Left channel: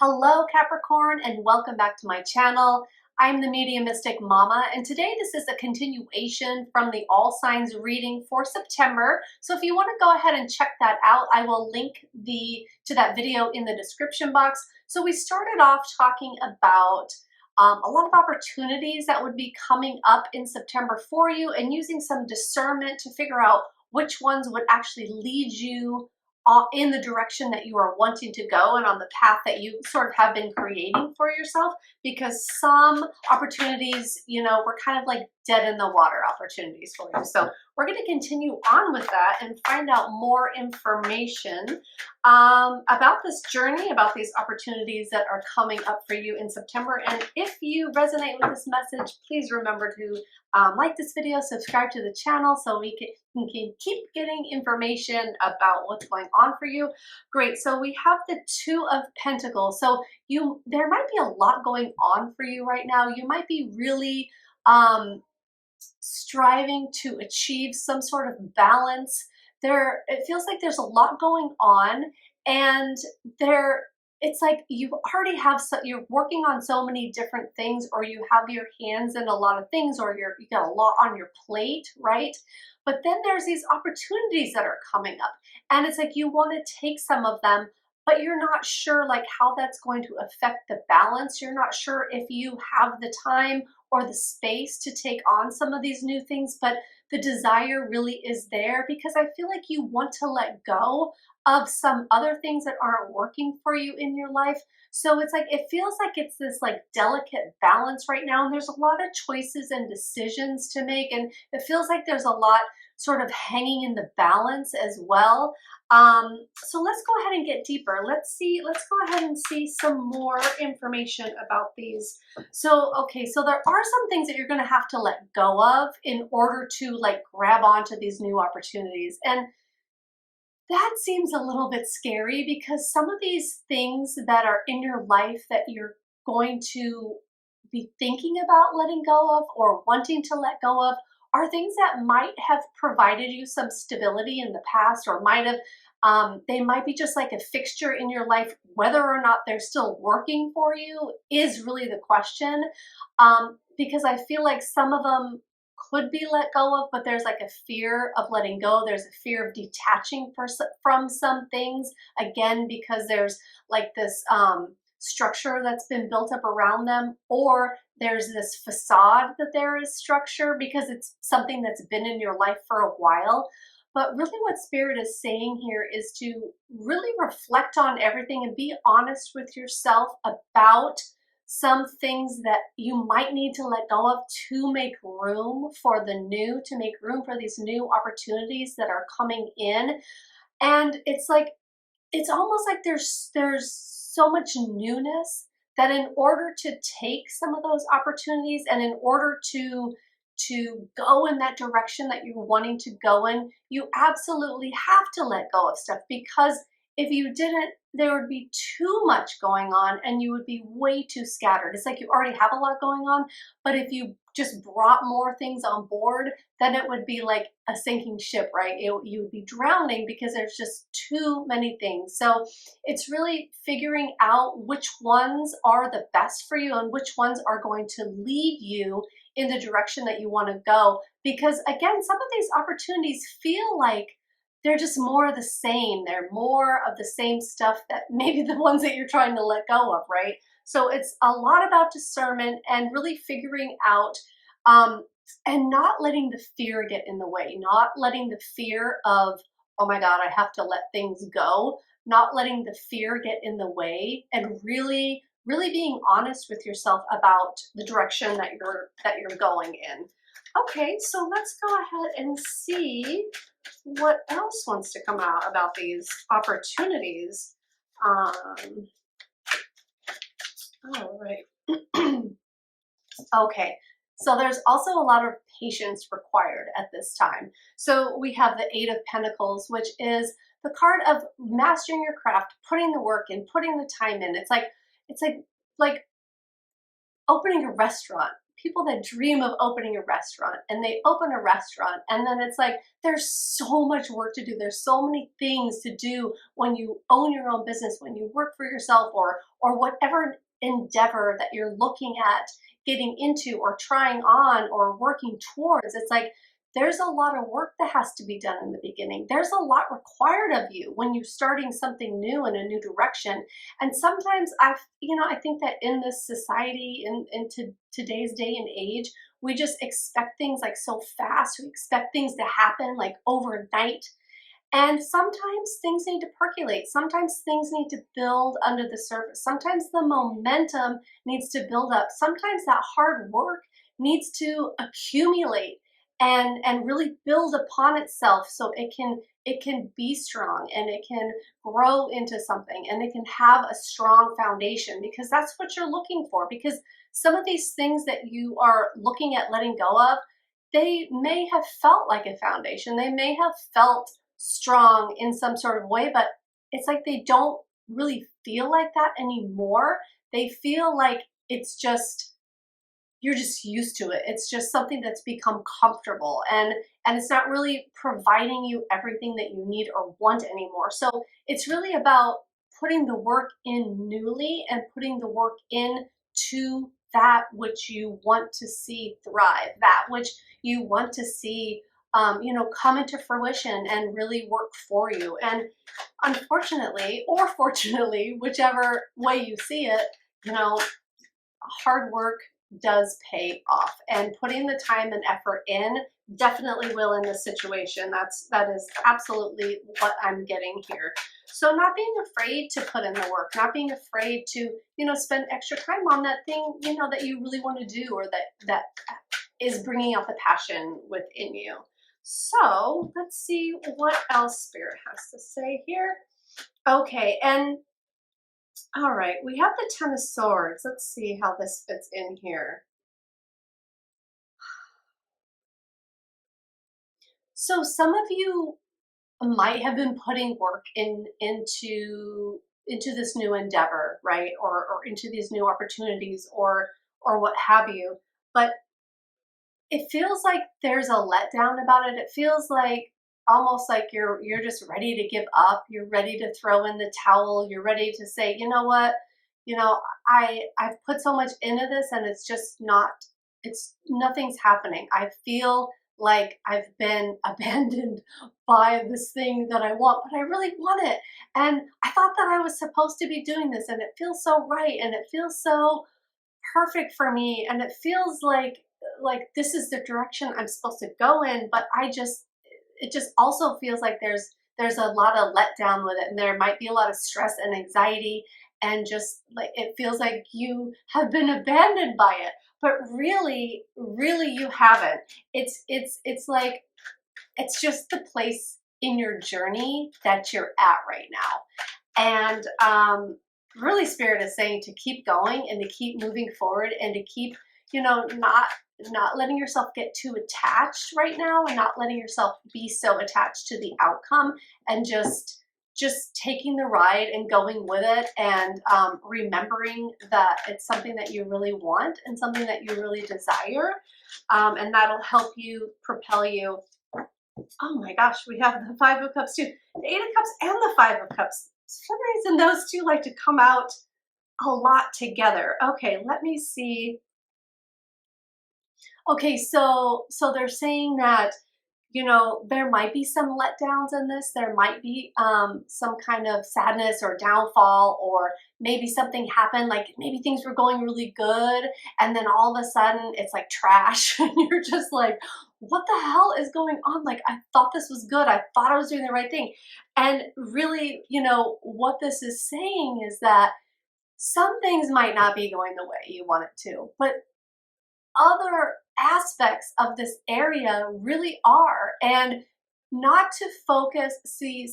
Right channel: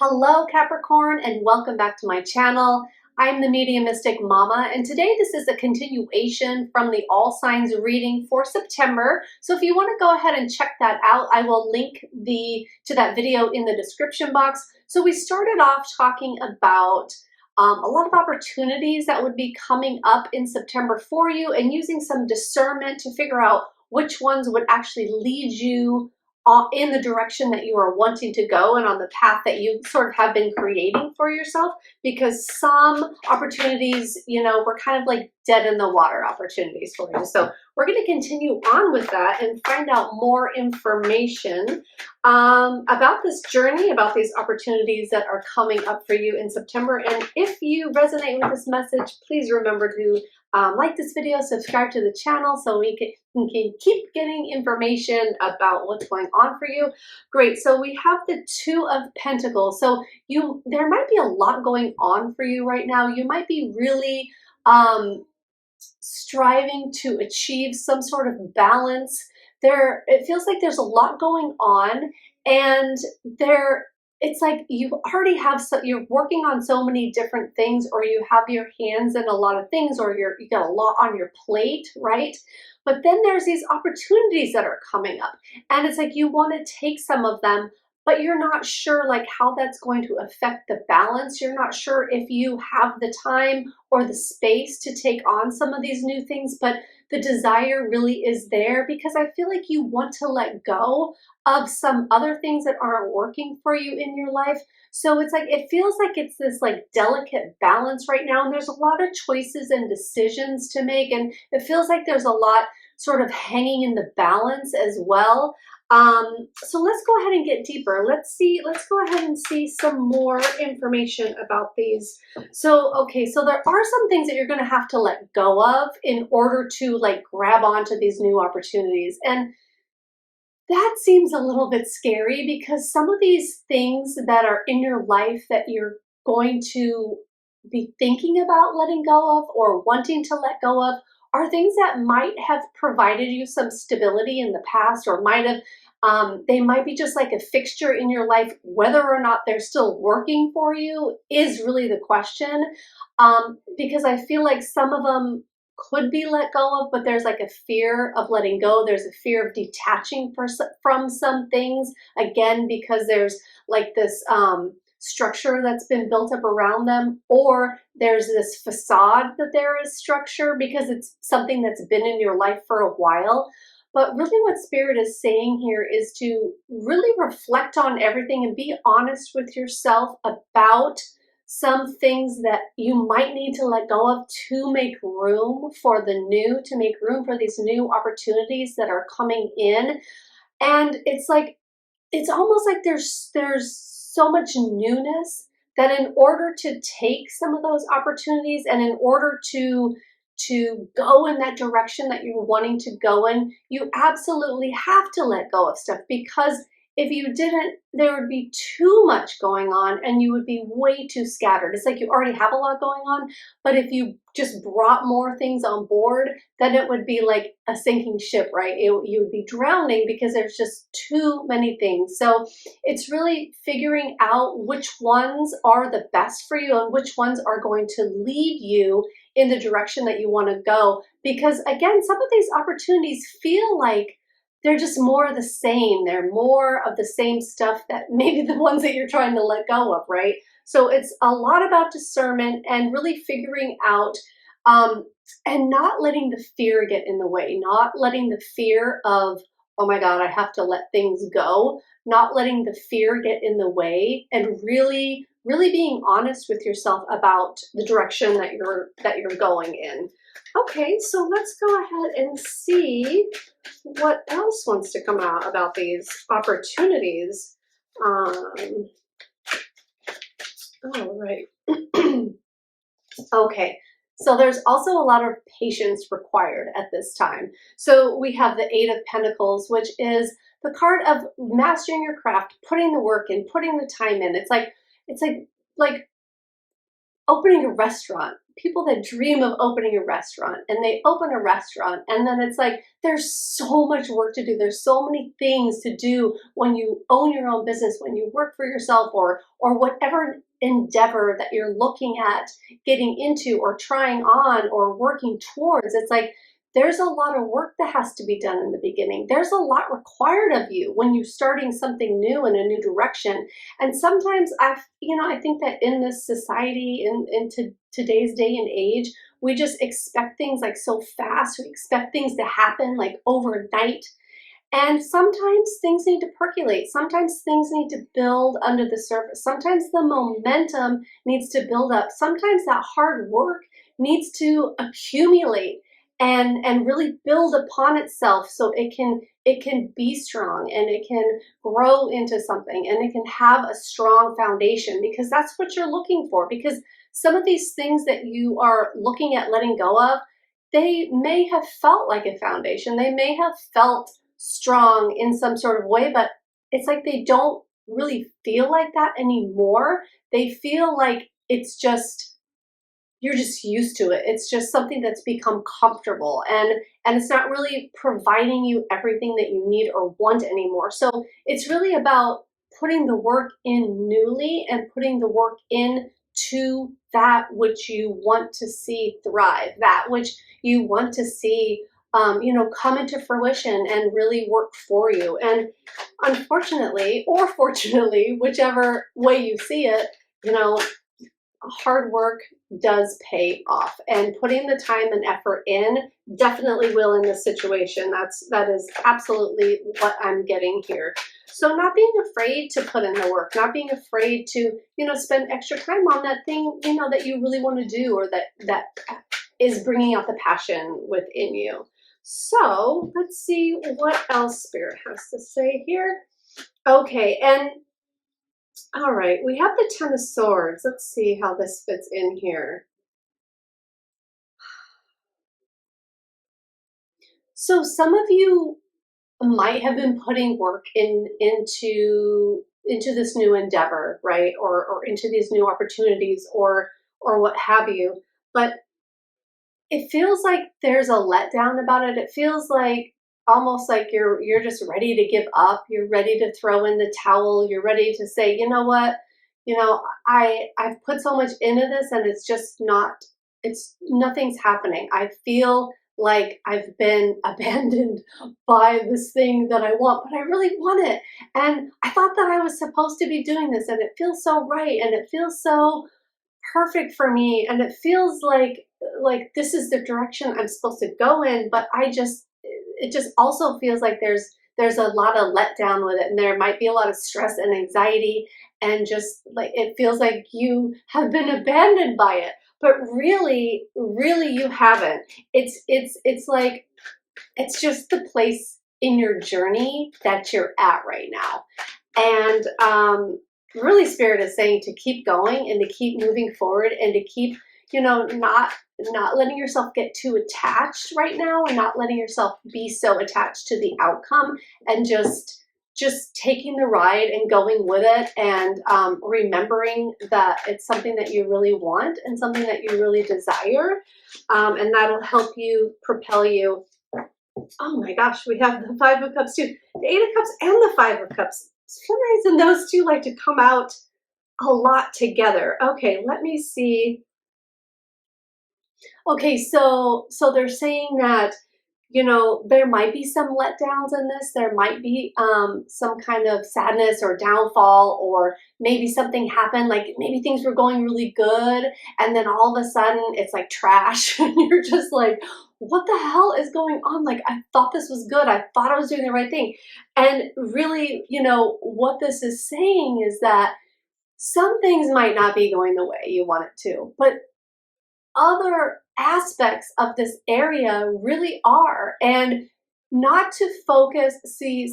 Hello Capricorn, and welcome back to my channel. I'm the Mediumistic Mama, and today this is a continuation from the All Signs reading for September. So if you want to go ahead and check that out, I will link to that video in the description box. So we started off talking about a lot of opportunities that would be coming up in September for you, and using some discernment to figure out which ones would actually lead you in the direction that you are wanting to go and on the path that you sort of have been creating for yourself, because some opportunities, were kind of like dead in the water opportunities for you. So we're going to continue on with that and find out more information about this journey, about these opportunities that are coming up for you in September. And if you resonate with this message, please remember to like this video, subscribe to the channel so we can keep getting information about what's going on for you. Great. So we have the Two of Pentacles. So there might be a lot going on for you right now. You might be really striving to achieve some sort of balance. It feels like there's a lot going on, and it's like you already have you're working on so many different things, or you have your hands in a lot of things, or you got a lot on your plate, right? But then there's these opportunities that are coming up, and it's like you want to take some of them, but you're not sure like how that's going to affect the balance. You're not sure if you have the time or the space to take on some of these new things, but the desire really is there, because I feel like you want to let go of some other things that aren't working for you in your life. So it's like, it feels like it's this like delicate balance right now, and there's a lot of choices and decisions to make, and it feels like there's a lot sort of hanging in the balance as well. So let's go ahead and get deeper. Let's go ahead and see some more information about these. So, okay, so there are some things that you're going to have to let go of in order to like grab onto these new opportunities. And that seems a little bit scary, because some of these things that are in your life that you're going to be thinking about letting go of or wanting to let go of are things that might have provided you some stability in the past, or they might be just like a fixture in your life. Whether or not they're still working for you is really the question, because I feel like some of them could be let go of, but there's like a fear of letting go. There's a fear of detaching from some things, again, because there's like this structure that's been built up around them, or there's this facade that there is structure because it's something that's been in your life for a while. But really what Spirit is saying here is to really reflect on everything and be honest with yourself about some things that you might need to let go of to make room for the new, to make room for these new opportunities that are coming in. And it's like, it's almost like there's so much newness that in order to take some of those opportunities, and in order to go in that direction that you're wanting to go in, you absolutely have to let go of stuff, because if you didn't, there would be too much going on and you would be way too scattered. It's like you already have a lot going on, but if you just brought more things on board, then it would be like a sinking ship, right? You would be drowning because there's just too many things. So it's really figuring out which ones are the best for you and which ones are going to lead you in the direction that you want to go. Because again, some of these opportunities feel like they're just more of the same. They're more of the same stuff that maybe the ones that you're trying to let go of, right? So it's a lot about discernment and really figuring out and not letting the fear get in the way, not letting the fear of, oh my God, I have to let things go, not letting the fear get in the way, and really being honest with yourself about the direction that you're going in. Okay, so let's go ahead and see what else wants to come out about these opportunities. All right. Okay, so there's also a lot of patience required at this time. So we have the Eight of Pentacles, which is the card of mastering your craft, putting the work in, putting the time in. It's like opening a restaurant, people that dream of opening a restaurant, and they open a restaurant, and then it's like there's so much work to do. There's so many things to do when you own your own business, when you work for yourself, or whatever endeavor that you're looking at getting into or trying on or working towards. It's like there's a lot of work that has to be done in the beginning. There's a lot required of you when you're starting something new in a new direction. And sometimes I think that in this society, in today's day and age, we just expect things like so fast. We expect things to happen like overnight. And sometimes things need to percolate. Sometimes things need to build under the surface. Sometimes the momentum needs to build up. Sometimes that hard work needs to accumulate and really build upon itself so it can be strong and it can grow into something and it can have a strong foundation, because that's what you're looking for. Because some of these things that you are looking at letting go of, they may have felt like a foundation. They may have felt strong in some sort of way, but it's like they don't really feel like that anymore. They feel like it's just you're just used to it. It's just something that's become comfortable, and it's not really providing you everything that you need or want anymore. So it's really about putting the work in newly and putting the work in to that which you want to see thrive, that which you want to see come into fruition and really work for you. And unfortunately, or fortunately, whichever way you see it, you know, hard work does pay off, and putting the time and effort in definitely will in this situation. That is absolutely what I'm getting here. So not being afraid to put in the work, not being afraid to spend extra time on that thing that you really want to do, or that is bringing out the passion within you. So let's see what else Spirit has to say here. Okay, and all right, we have the Ten of Swords. Let's see how this fits in here. So some of you might have been putting work into this new endeavor, right? Or into these new opportunities, or what have you. But it feels like there's a letdown about it. It feels like almost like you're just ready to give up. You're ready to throw in the towel. You're ready to say, you know what? I've put so much into this, and it's nothing's happening. I feel like I've been abandoned by this thing that I want, but I really want it. And I thought that I was supposed to be doing this, and it feels so right, and it feels so perfect for me, and it feels like this is the direction I'm supposed to go in. But it just also feels like there's a lot of letdown with it, and there might be a lot of stress and anxiety, and just like it feels like you have been abandoned by it. But really, really you haven't. It's like it's just the place in your journey that you're at right now. And really Spirit is saying to keep going and to keep moving forward, and to keep not letting yourself get too attached right now, and not letting yourself be so attached to the outcome, and just taking the ride and going with it, and remembering that it's something that you really want and something that you really desire, and that'll help you propel you. Oh my gosh, we have the Five of Cups too, the Eight of Cups and the Five of Cups. For some reason those two like to come out a lot together. Okay, let me see. Okay, so they're saying that there might be some letdowns in this. There might be some kind of sadness or downfall, or maybe something happened, like maybe things were going really good, and then all of a sudden it's like trash, and you're just like, what the hell is going on? Like, I thought this was good. I thought I was doing the right thing. And really, what this is saying is that some things might not be going the way you want it to, but other aspects of this area really are. And not to focus,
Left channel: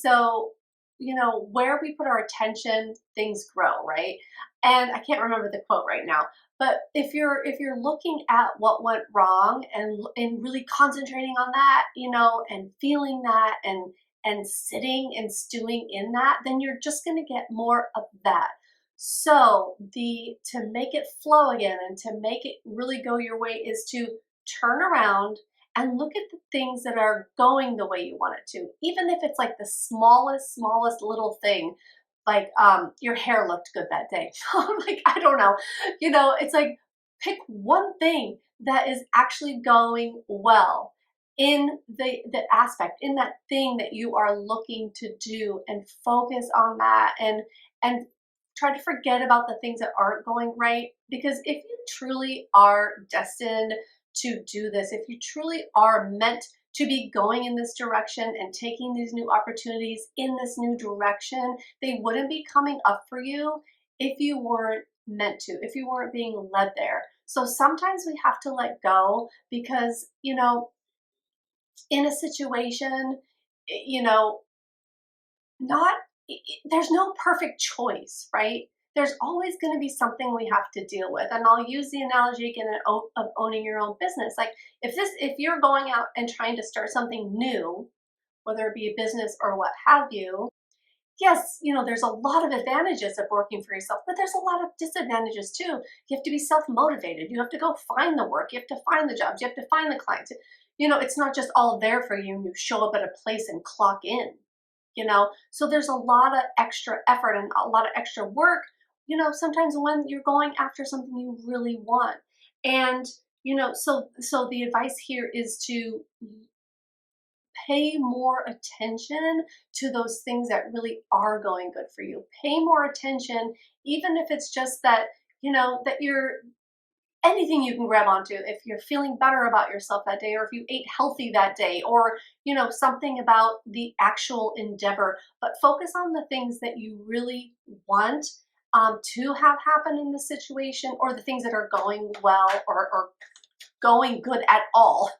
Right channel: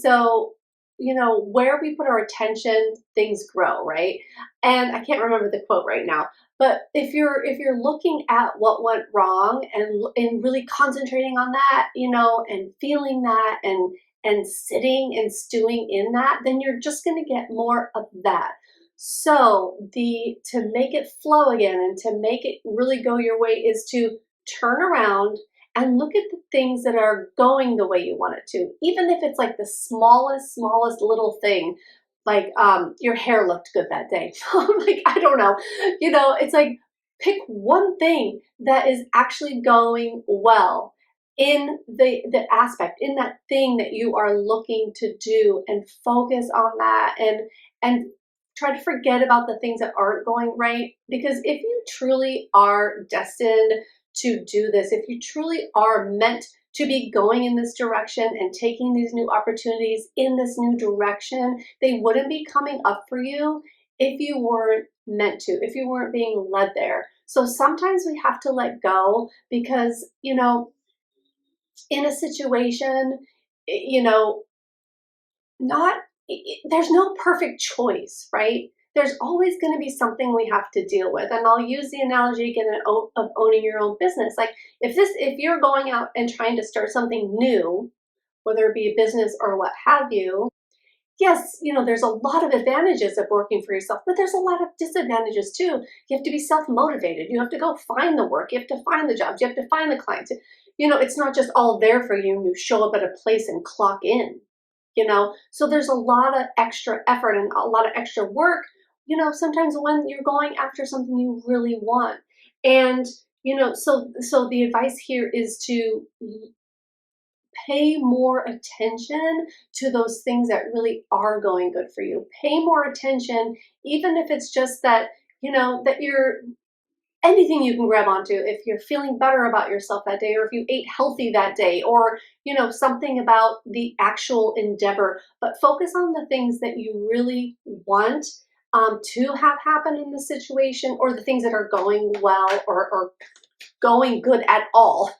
so where we put our attention, things grow, right? And I can't remember the quote right now, but if you're looking at what went wrong, and really concentrating on that, and feeling that, and sitting and stewing in that, then you're just going to get more of that. So to make it flow again and to make it really go your way is to turn around and look at the things that are going the way you want it to. Even if it's like the smallest little thing, like your hair looked good that day. Like, I don't know. It's like pick one thing that is actually going well in the aspect, in that thing that you are looking to do, and focus on that, and try to forget about the things that aren't going right. Because if you truly are destined to do this, if you truly are meant to be going in this direction and taking these new opportunities in this new direction, they wouldn't be coming up for you if you weren't meant to, if you weren't being led there. So sometimes we have to let go because, in a situation, you know, not there's no perfect choice, right? There's always going to be something we have to deal with. And I'll use the analogy again of owning your own business. Like, if you're going out and trying to start something new, whether it be a business or what have you, yes, there's a lot of advantages of working for yourself, but there's a lot of disadvantages too. You have to be self-motivated. You have to go find the work. You have to find the jobs. You have to find the clients. It's not just all there for you and you show up at a place and clock in. So there's a lot of extra effort and a lot of extra work, sometimes when you're going after something you really want. And, so the advice here is to pay more attention to those things that really are going good for you. Pay more attention, even if it's just that, that you're anything you can grab onto. If you're feeling better about yourself that day, or if you ate healthy that day, or, something about the actual endeavor, but focus on the things that you really want to have happen in the situation, or the things that are going well, or going good at all.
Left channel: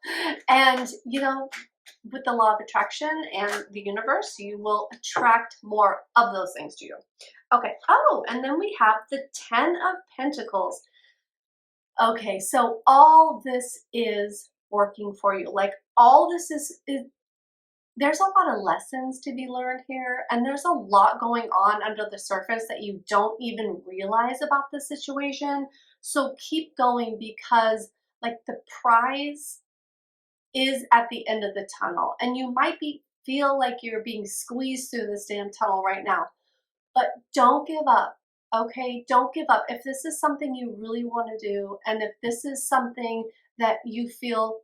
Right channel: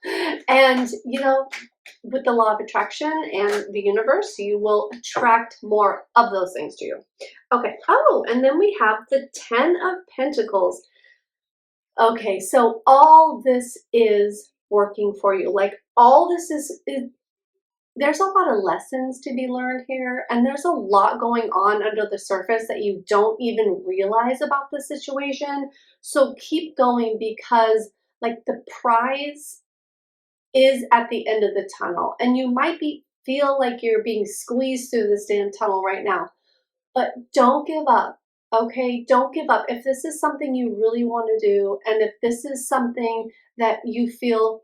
And, with the law of attraction and the universe, you will attract more of those things to you. Okay. Oh, and then we have the 10 of Pentacles. Okay, so all this is working for you. Like, all this is there's a lot of lessons to be learned here, and there's a lot going on under the surface that you don't even realize about the situation. So keep going, because like the prize is at the end of the tunnel, and you might feel like you're being squeezed through this damn tunnel right now, but don't give up. Okay, don't give up. If this is something you really want to do, and if this is something that you feel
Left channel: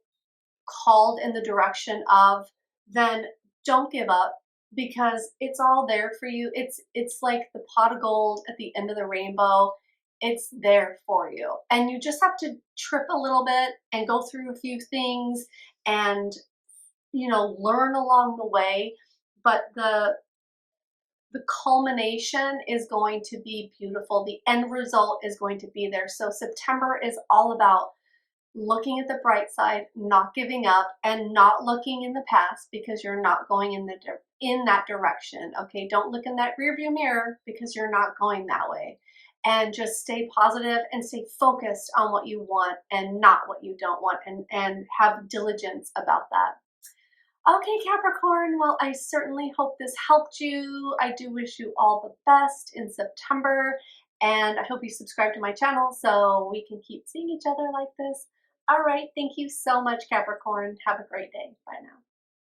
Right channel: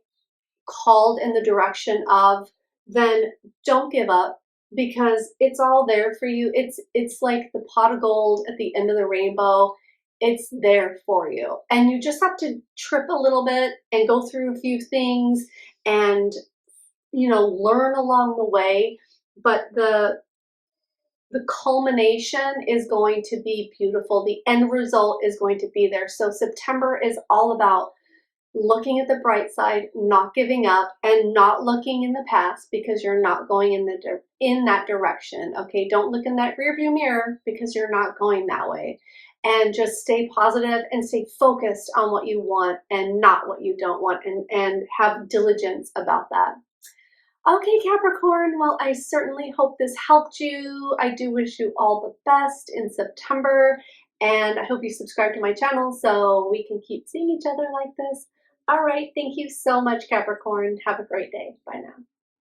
called in the direction of, then don't give up, because it's all there for you. It's like the pot of gold at the end of the rainbow. It's there for you. And you just have to trip a little bit and go through a few things and, learn along the way. But the culmination is going to be beautiful. The end result is going to be there. So September is all about looking at the bright side, not giving up, and not looking in the past, because you're not going in that direction. Okay, don't look in that rearview mirror, because you're not going that way. And just stay positive and stay focused on what you want and not what you don't want, and have diligence about that. Okay, Capricorn, well, I certainly hope this helped you. I do wish you all the best in September, and I hope you subscribe to my channel so we can keep seeing each other like this. All right, thank you so much, Capricorn. Have a great day. Bye now.